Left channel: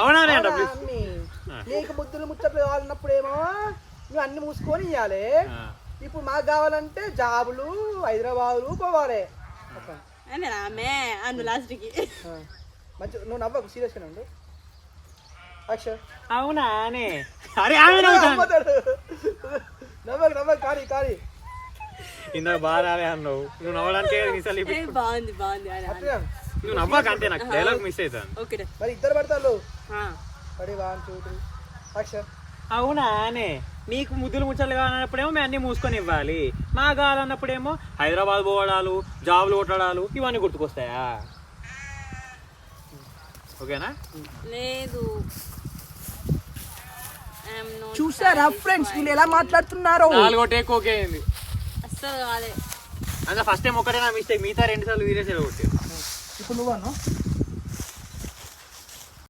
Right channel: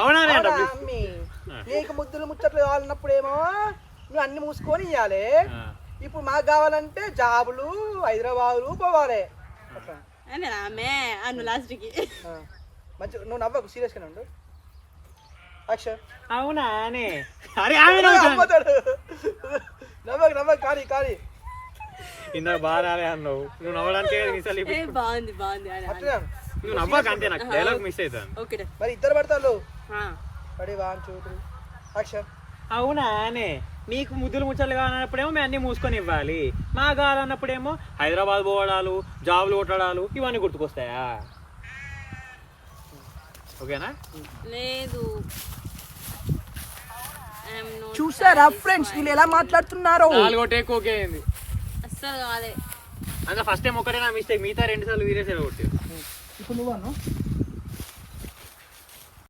అవునానే అంట ప్లీజ్. నీకు ముద్దులు ముచ్చట్లు కావాలన్నప్పుడేమో నువ్వు అన్ని మూసుకొని ఇవ్వాలి. ఇప్పుడు మాకు కావాలంటే జాబులు హైదరాబాదులు పోవాలి. మంచి నువ్వు నవ్వకు, సీరియస్గా ఉండు. అవునా అనే అరే ఆమె నవ్వుతాను. నవ్వకు నవ్వకు, కానీ కానీ ఇందాక బాగా రాలే అన్నావు, నువ్వు నవ్వడానికి బాగుంది బాగుంది. నువ్వు నవ్వక అంతే, నాకు డైలాగ్ మిస్ అవుతాను. మరి ఇద్దరు పడతారు. పడి వాన్ చూడు. యాక్షన్. అవునా అనే నీకు ముద్దులు ముచ్చట్లు కావాలన్నప్పుడేమో మేము అన్ని మూసుకొని ఇవ్వాలి, మా కావాలన్నప్పుడేమో హైదరాబాద్ పోవడాలు జాబులు కొట్టడాలు ఇవన్నీ గుర్తుకొస్తాయా? ఓకేనా? లేదు. చూసారా ఫ్రెండ్స్ వీళ్ళు ఎలా మాట్లాడుతున్నారు? నాలుగో టేక్ ఓకే అయింది. అస్సలు కాదే. అంటే ఫస్ట్ టైం ఒకటే నా మిస్టేక్, మిగతా 2 సార్లు వీరే కొట్టారు. ఇప్పుడు నువ్వు